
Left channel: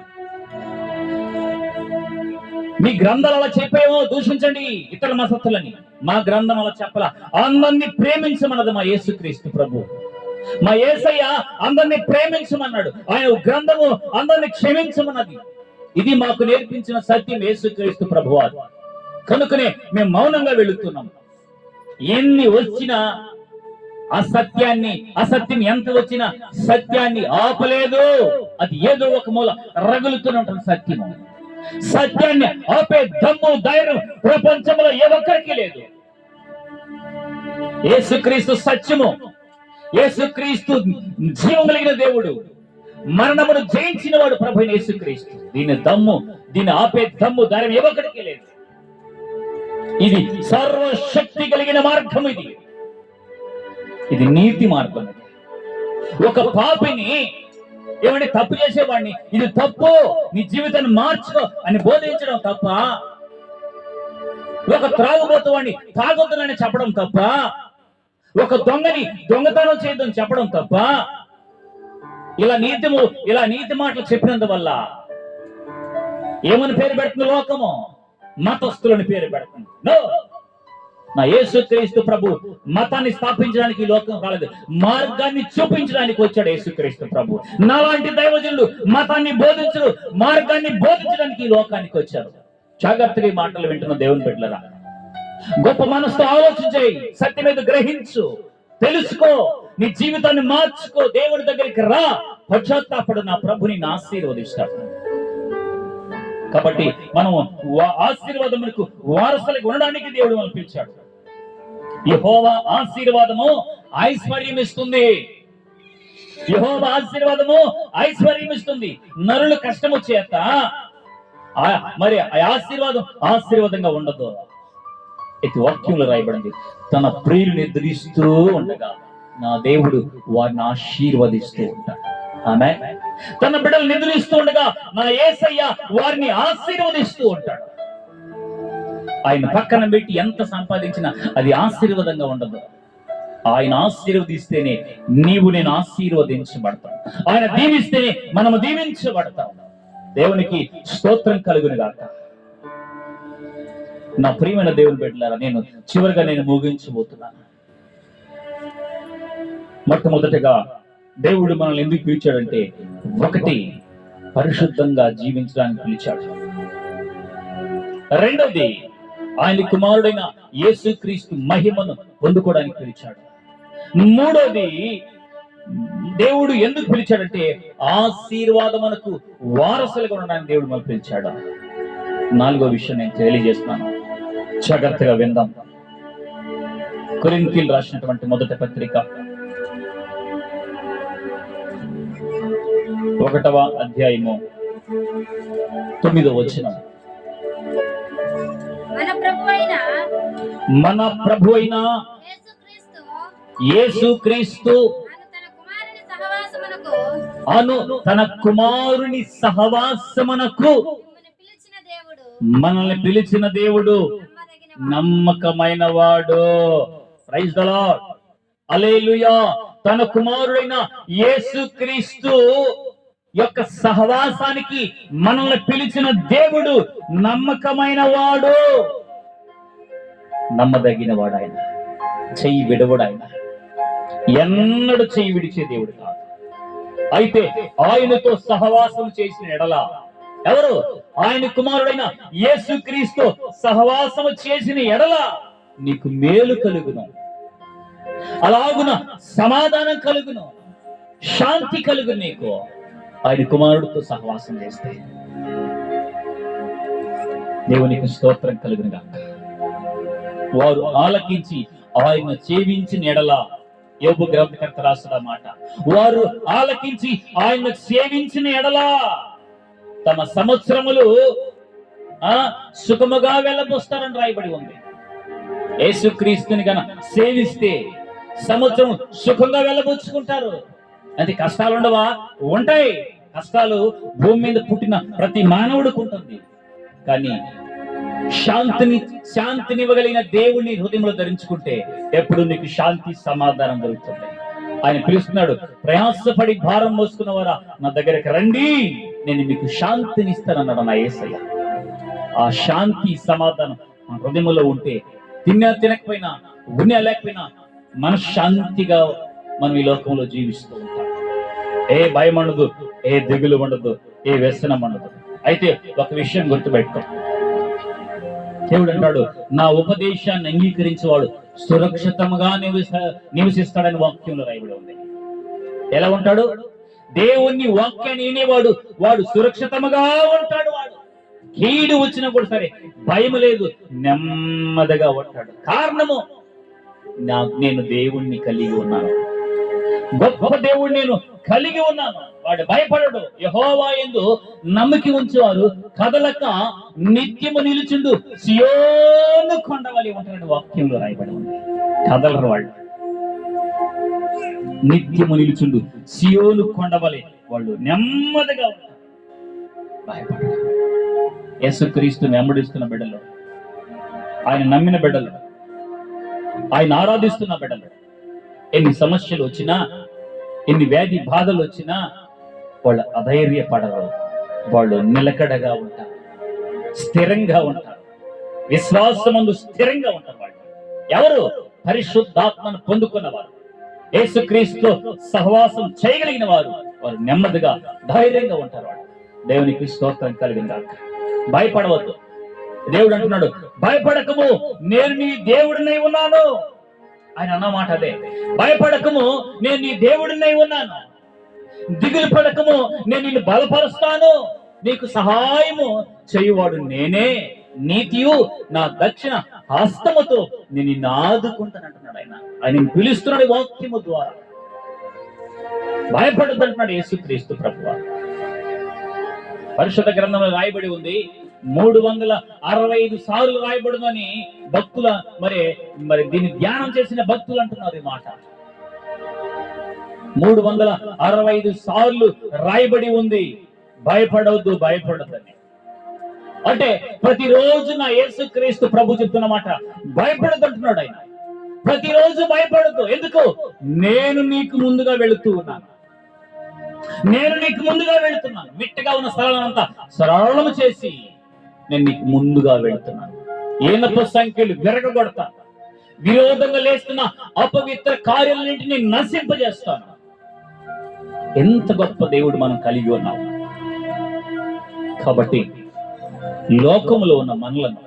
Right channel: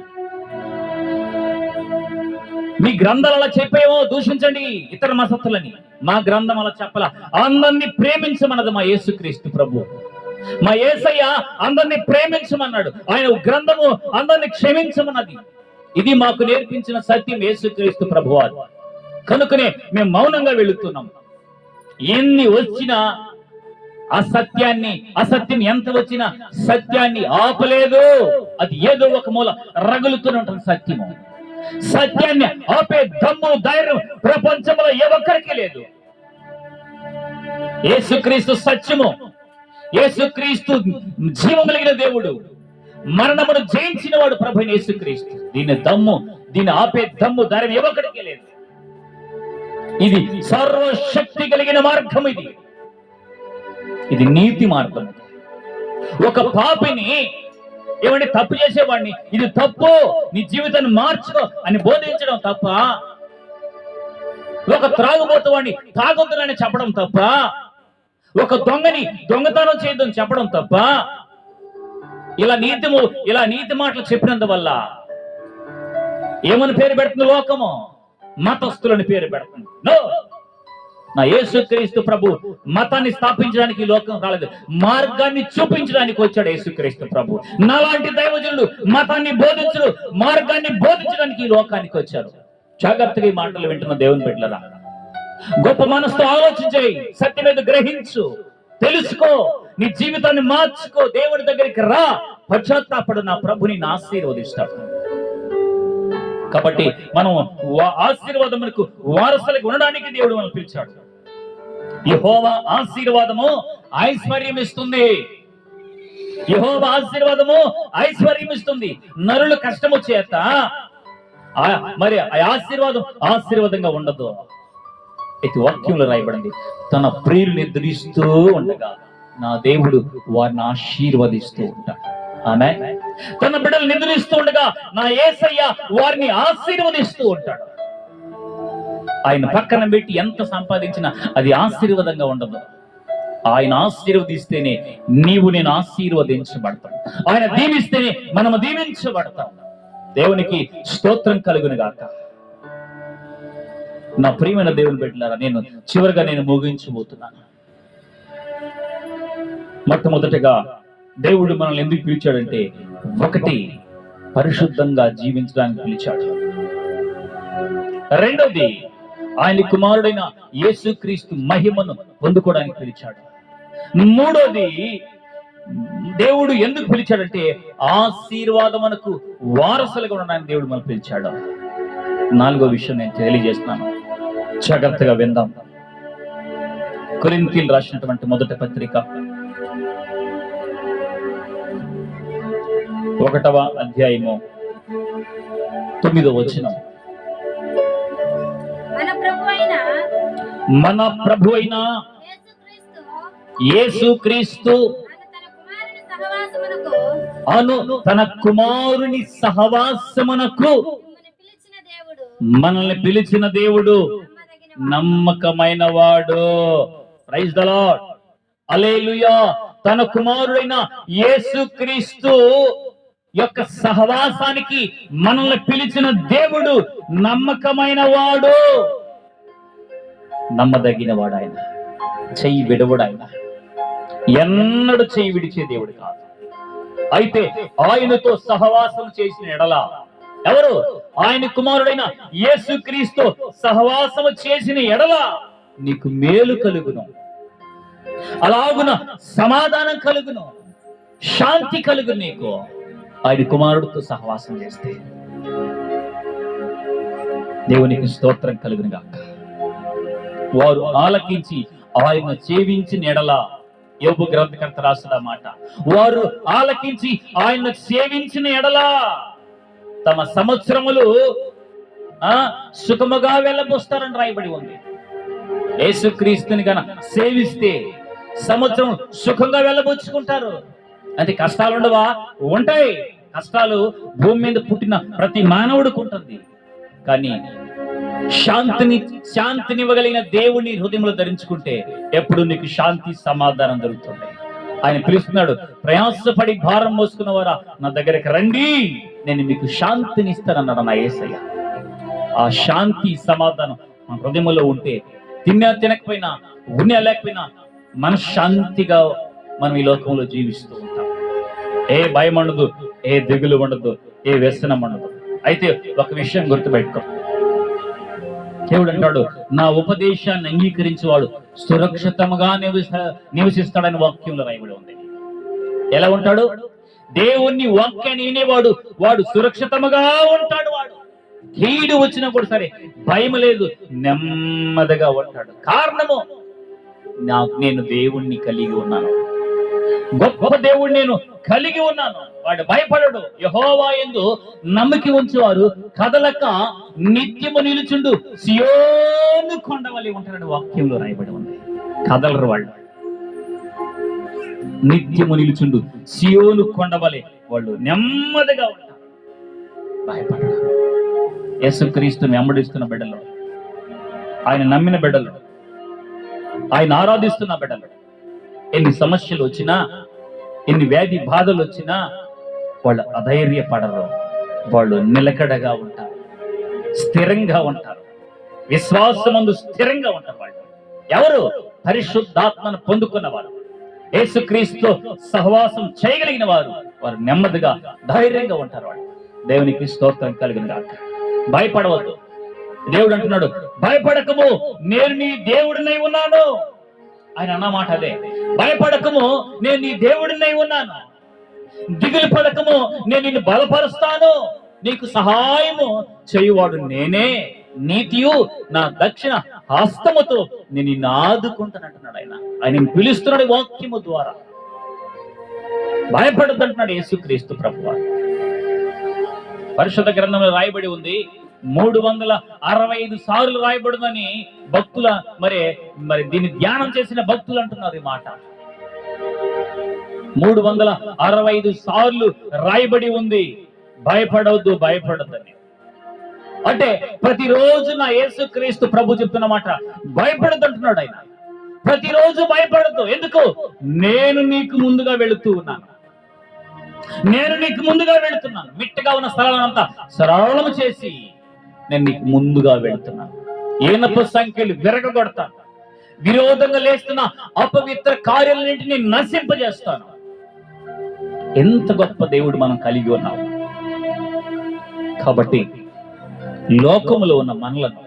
మీ గ్రంథాలు అలా చెప్పాయేమో దూషించండి ఇతర మతస్థులని. మా గ్రంథం అలా చెప్పలా. అందరినీ ప్రేమించమన్నది మా యేసుక్రీస్తు ప్రభు. మా యేసయ్య అందరినీ ప్రేమించమన్నాడు. ఆయన గ్రంథము అందరినీ క్షమించమన్నది. ఇది మాకు నేర్పించిన సత్యం యేసుక్రీస్తు ప్రభువారు. కనుకనే మేము మౌనంగా వెళుతున్నాం. ఎన్ని వచ్చినా అసత్యం ఎంత వచ్చినా సత్యాన్ని ఆపలేదు. అది ఏదో ఒక మూల రగులుతూనే ఉంటుంది సత్యము. సత్యాన్ని ఆపే దమ్ము ధైర్యం ప్రపంచంలో ఏ ఒక్కరికి లేదు. యేసుక్రీస్తు సత్యము, యేసుక్రీస్తు జీవం కలిగిన దేవుడు, మరణమును జయించిన వాడు ప్రభు యేసుక్రీస్తు. దీన్ని ఆపే దమ్ము ధైర్యం ఏ ఒక్కరికి లేదు. ఇది సర్వశక్తి కలిగిన మార్గం. ఇది నీతి మార్గం. ఒక పాపిని ఏమంటే తప్పు చేసేవాడిని ఇది తప్పు, నీ జీవితాన్ని మార్చుకో అని బోధించడం తప్ప, ఒక త్రాగుబోతువాడిని తాగొద్దునని చెప్పడం తప్ప, ఒక దొంగని దొంగతనం చేయొద్దని చెప్పడం తప్ప, ఇలా నీతి మాటలు చెప్పినందువల్ల ఏమని పేరు పెడుతుంది లోకము? మతస్థులని పేరు పెడుతుంది. నో, నా యేసుక్రీస్తు ప్రభు మతాన్ని స్థాపించడానికి ఈ లోకం రాలేదు, మార్గాన్ని చూపించడానికి వచ్చాడు యేసుక్రీస్తు ప్రభు. నాలాంటి దైవజనులు మతాన్ని బోధించరు, మార్గాన్ని బోధించడానికి ఈ లోకానికి వచ్చారు. జాగ్రత్తగా ఈ మాటలు వింటున్న దేవుని బిడ్డలారా, గొప్ప మనసుతో ఆలోచించే, సత్యం మీద గ్రహించు, తెలుసుకో, నీ జీవితాన్ని మార్చుకో, దేవుడి దగ్గరికి రా, పశ్చాత్తాపడు, నా ప్రభుని ఆశీర్వదిస్తాడు. కాబట్టి మనం ఆశీర్వాదములకు వారసులకు ఉండడానికి దేవుడు మనం పిలిచాడు. యెహోవా ఆశీర్వాదము ఐశ్వర్యం ఇస్తుంది. యెహోవా ఆశీర్వాదము ఐశ్వర్యం ఇస్తుంది. నరుల కష్టము చేత మరి ఆశీర్వాదంగా ఉండదు. అయితే వాక్యంలో రాయబడింది, తన ప్రియులు నిద్రిస్తూ ఉండగా నా దేవుడు వారిని ఆశీర్వదిస్తూ ఉంటాడు. ఆమేన్. తన బిడ్డలు నిద్రిస్తూ ఉండగా నా యేసయ్య వారిని ఆశీర్వదిస్తూ ఉంటాడు. ఆయన పక్కన పెట్టి ఎంత సంపాదించినా అది ఆశీర్వాదంగా ఉండదు. ఆయన ఆశీర్వదిస్తేనే నేను ఆశీర్వదించబడతాం. ఆయన దీవిస్తేనే మనము దీవించబడతాం. దేవునికి స్తోత్రం కలుగును గాక. నా ప్రియమైన దేవుని బిడ్డలారా, చివరిగా ముగించబోతున్నాను. మొట్టమొదటిగా దేవుడు మనల్ని ఎందుకు పిలిచాడంటే, ఒకటి, పరిశుద్ధంగా జీవించడానికి పిలిచాడు. రెండవది, ఆయన కుమారుడైన యేసుక్రీస్తు మహిమను పొందుకోవడానికి పిలిచాడు. మూడోది, దేవుడు ఎందుకు పిలిచాడంటే ఆశీర్వాదమునకు వారసులుగా ఉండడానికి దేవుడు మనల్ని పిలిచాడు. నాలుగో విషయం నేను తెలియజేస్తున్నాను, జాగ్రత్తగా విందాం. కొరింథీయులకు రాసినటువంటి మొదటి పత్రిక 1వ అధ్యాయము 9వ వచనం. మన ప్రభువైన యేసుక్రీస్తు అను తన కుమారుని సహవాసమునకు మనల్ని పిలిచిన దేవుడు నమ్మకమైన వాడు. ప్రైజ్ ది లార్డ్, హల్లెలూయా. తన కుమారుడైన యేసుక్రీస్తు యొక్క సహవాసానికి మనల్ని పిలిచిన దేవుడు నమ్మకమైన వాడు, నమ్మదగిన వాడు. ఆయన చెయ్యి విడవడు, ఆయన ఎన్నడూ చెయ్యి విడిచే దేవుడు కాదు. అయితే ఆయనతో సహవాసం చేసిన ఎడల, ఎవరు? ఆయన కుమారుడైన యేసుక్రీస్తు సహవాసము చేసిన ఎడల నీకు మేలు కలుగును, అలాగున సమాధానం కలుగును, శాంతి కలుగును నీకు ఆయన కుమారుడితో సహవాసం చేస్తే. దేవునికి స్తోత్రం కలుగును గాక. వారు ఆలకించి ఆయన సేవించిన ఎడల, యోబు గ్రంథకర్త రాసిన మాట, వారు ఆలకించి ఆయన సేవించిన ఎడల తమ సంవత్సరములు సుఖముగా వెళ్ళబోస్తారని రాయబడి ఉంది. యేసుక్రీస్తుని గన సేవిస్తే సంవత్సరం సుఖంగా వెళ్ళబోచుకుంటారు. అంటే కష్టాలు ఉండవా? ఉంటాయి. కష్టాలు భూమి మీద పుట్టిన ప్రతి మానవుడికి ఉంటుంది. కానీ శాంతినివ్వగలిగిన దేవుని హృదయంలో ధరించుకుంటే ఎప్పుడు నీకు శాంతి సమాధానం దొరుకుతుంది. ఆయన పిలుస్తున్నాడు, ప్రయాసపడి భారం మోసుకున్నవారా నా దగ్గరికి రండి, నేను మీకు శాంతిని ఇస్తానన్నాడు నా యేసయ్య. ఆ శాంతి సమాధానం మన హృదయంలో ఉంటే తినకపోయినా ఉన్నా లేకపోయినా మనశ్శాంతిగా మనం ఈ లోకంలో జీవిస్తూ ఉంటాం. ఏ భయం ఉండదు, ఏ దిగులు ఉండదు, ఏ వ్యసనం ఉండదు. అయితే ఒక విషయం గుర్తుపెట్టుకో, దేవుడు అంటాడు, నా ఉపదేశాన్ని అంగీకరించేవాడు సురక్షితంగా నివసిస్తాడని వాక్యంలో రాయబడి ఉంది. ఎలా ఉంటాడు? దేవుని వాక్యాన్ని వినేవాడు వాడు సురక్షితంగా ఉంటాడు. వాడు కీడు వచ్చినప్పుడు సరే భయం లేదు, నెమ్మదిగా ఉంటాడు. కారణము, నేను దేవుణ్ణి కలిగి ఉన్నాను, గొప్ప దేవుణ్ణి నేను కలిగి ఉన్నాను. వాడు భయపడడు. యెహోవా యందు నమ్మిక ఉంచువారు కదలక నిత్యము నిలుచుండు సియోను కొండవలి ఉంటారని వాక్యంలో రాయబడి ఉంది. కదలరు వాళ్ళు, నిత్యము నిలుచుండు సియోను కొండవలి వాళ్ళు నెమ్మదిగా ఉంటారు, భయపడరు. యేసుక్రీస్తుని వెంబడిస్తున్న బిడ్డలు, ఆయన నమ్మిన బిడ్డలు, ఆయన ఆరాధిస్తున్న బిడ్డలు, ఎన్ని సమస్యలు వచ్చినా, ఎన్ని వ్యాధి బాధలు వచ్చినా వాళ్ళు అధైర్యపడరు. వాళ్ళు నిలకడగా ఉంటారు, స్థిరంగా ఉంటారు, విశ్వాసమందు స్థిరంగా ఉంటారు. వాళ్ళు ఎవరు? పరిశుద్ధాత్మను పొందుకున్నవారు, యేసుక్రీస్తు సహవాసం చేయగలిగిన వారు. వారు నెమ్మదిగా ధైర్యంగా ఉంటారు. వాళ్ళు దేవునికి స్తోత్రం కలిగిన గాక. భయపడవద్దు. దేవుడు అంటున్నాడు, భయపడకము, నేను నీ దేవుడినై ఉన్నాను. ఆయన అన్నమాట అదే, భయపడకము, నేను నీ దేవుడినై ఉన్నాను. దిగులు పడకము, నేను నిన్ను బలపరుస్తాను. నీకు సహాయము చేయువాడు నేనే, నీతియు నా దక్షిణ హస్తముతో నేను నిన్ను ఆదుకుంటానంటున్నాడు. ఆయన పిలుస్తున్నాడు వాక్యము ద్వారా. భయపడద్దంటున్నాడు యేసుక్రీస్తు ప్రభువు. పరిశుద్ధ గ్రంథంలో రాయబడి ఉంది, 365 సార్లు రాయబడునని భక్తుల మరి దీన్ని ధ్యానం చేసిన భక్తులు అంటున్నారు ఈ మాట. 365 సార్లు రాయబడి ఉంది, భయపడవద్దు, భయపడద్దని. అంటే ప్రతిరోజు నా యేసుక్రీస్తు ప్రభు చెప్తున్న మాట, భయపడద్దు అంటున్నాడు ఆయన. ప్రతిరోజు భయపడద్దు. ఎందుకు? నేను నీకు ముందుగా వెళుతూ ఉన్నాను, నేను నీకు ముందుగా వెళుతున్నాను. మిట్టగా ఉన్న స్థలాలంతా సరళము చేసి నేను నీకు ముందుగా వెళుతున్నాను. ఏనపు సంఖ్యలు విరగొడతాను, విరోధంగా లేస్తున్న అపవిత్ర కార్యాలన్నింటినీ నశింపజేస్తాను. ఎంత గొప్ప దేవుడు మనం కలిగి ఉన్నాం. కాబట్టి లోకములో ఉన్న మనలను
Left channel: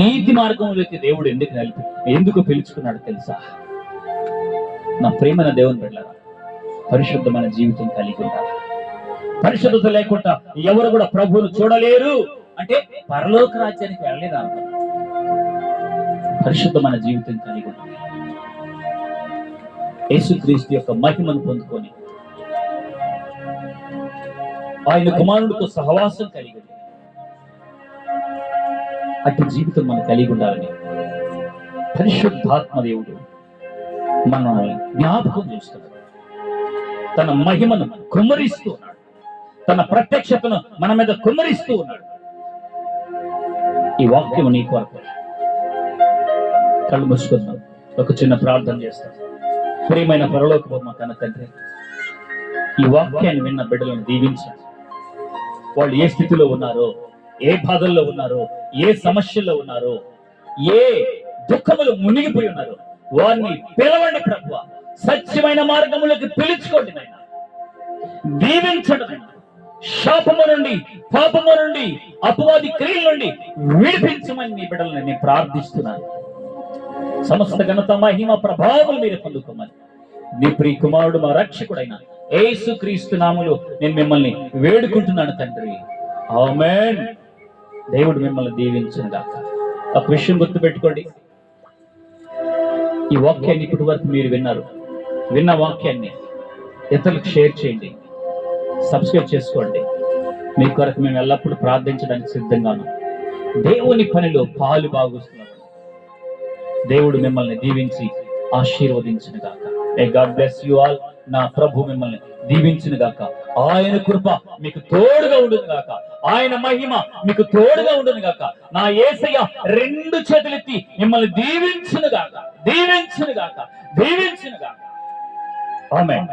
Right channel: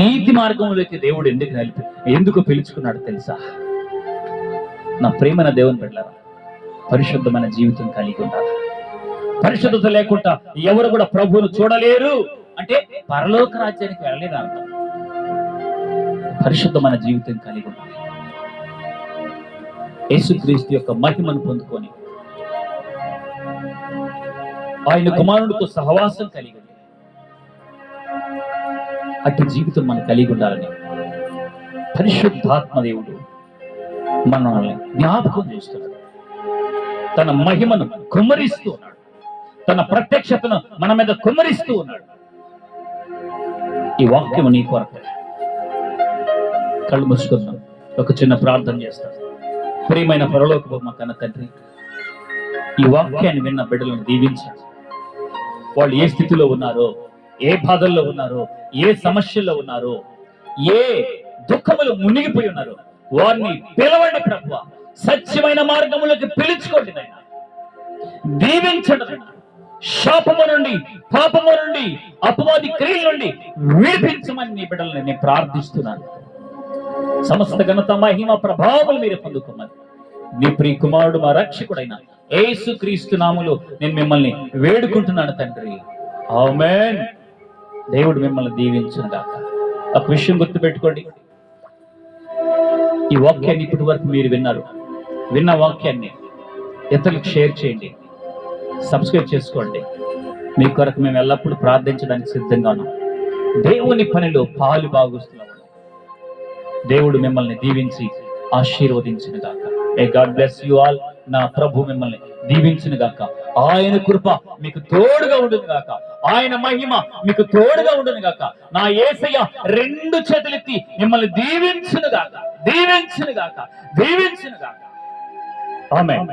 నీతి మార్గంలోకి దేవుడు ఎందుకు పిలుచుకున్నాడు తెలుసా? నా ప్రేమైన దేవుని బిడ్డలారా, పరిశుద్ధమైన జీవితం కలిగి ఉండాలి. పరిశుద్ధత లేకుండా ఎవరు కూడా ప్రభువును చూడలేరు. అంటే పరలోక రాజ్యానికి వెళ్ళలేదు అర్థం. పరిశుద్ధమైన జీవితం కలిగి ఉండాలి. యేసుక్రీస్తు యొక్క మహిమను పొందుకొని ఆయన కుమారుడితో సహవాసం కలిగి ఉంది. అట్టి జీవితం మనం కలిగి ఉండాలని పరిశుద్ధాత్మ దేవుడు మనల్ని జ్ఞాపకం చేస్తున్నాడు. తన మహిమను కుమ్మరిస్తూ ఉన్నాడు. తన ప్రత్యక్షతను మన మీద కుమ్మరిస్తూ ఉన్నాడు. ఈ వాక్యము నీ కొరకు. కళ్ళు మూసుకుందాం, ఒక చిన్న ప్రార్థన చేస్తాం. ప్రియమైన పరలోకపు మా కన్న తండ్రి, ఈ వాక్యాన్ని విన్న బిడ్డలను దీవించండి. వాళ్ళు ఏ స్థితిలో ఉన్నారో, ఏ బాధల్లో ఉన్నారో, ఏ సమస్యల్లో ఉన్నారో, ఏ దుఃఖములు మునిగిపోయి ఉన్నారో వారిని పిలవండి ప్రభువా. సత్యమైన మార్గములకు పిలుచుకోండి నాయన. దీవించండి నాయన. శాపము నుండి, పాపము నుండి, అపవాది క్రియల నుండి విడిపించమని నీ బిడ్డలను నేను ప్రార్థిస్తున్నాను. సమస్త ఘనత మహిమ ప్రభావాలు మీరు పొందుకోమని నీ ప్రియ కుమారుడు మా రక్షకుడైన యేసుక్రీస్తు నామములో నేను మిమ్మల్ని వేడుకుంటున్నాను తండ్రి. ఆమేన్. దేవుడు మిమ్మల్ని దీవించును గాక. ఒక విషయం గుర్తుపెట్టుకోండి, ఈ వాక్యాన్ని ఇప్పటి వరకు మీరు విన్న వాక్యాన్ని ఇతరులకు షేర్ చేయండి, సబ్స్క్రైబ్ చేసుకోండి. మీ కొరకు మేము ఎల్లప్పుడూ ప్రార్థించడానికి సిద్ధంగా ఉన్నాం. దేవుని పనిలో పాలు భాగస్తులం. దేవుడు మిమ్మల్ని దీవించి ఆశీర్వదించును గాక. May God bless you all. నా ప్రభు మిమ్మల్ని దీవించును గాక. ఆయన కృప మీకు తోడుగా ఉండును గాక. ఆయన మహిమ మీకు తోడుగా ఉండును గాక. నా యేసయ్య రెండు చేతులెత్తి మిమ్మల్ని దీవించును గాక, దీవించును గాక, దీవించును గాక. ఆమేన్.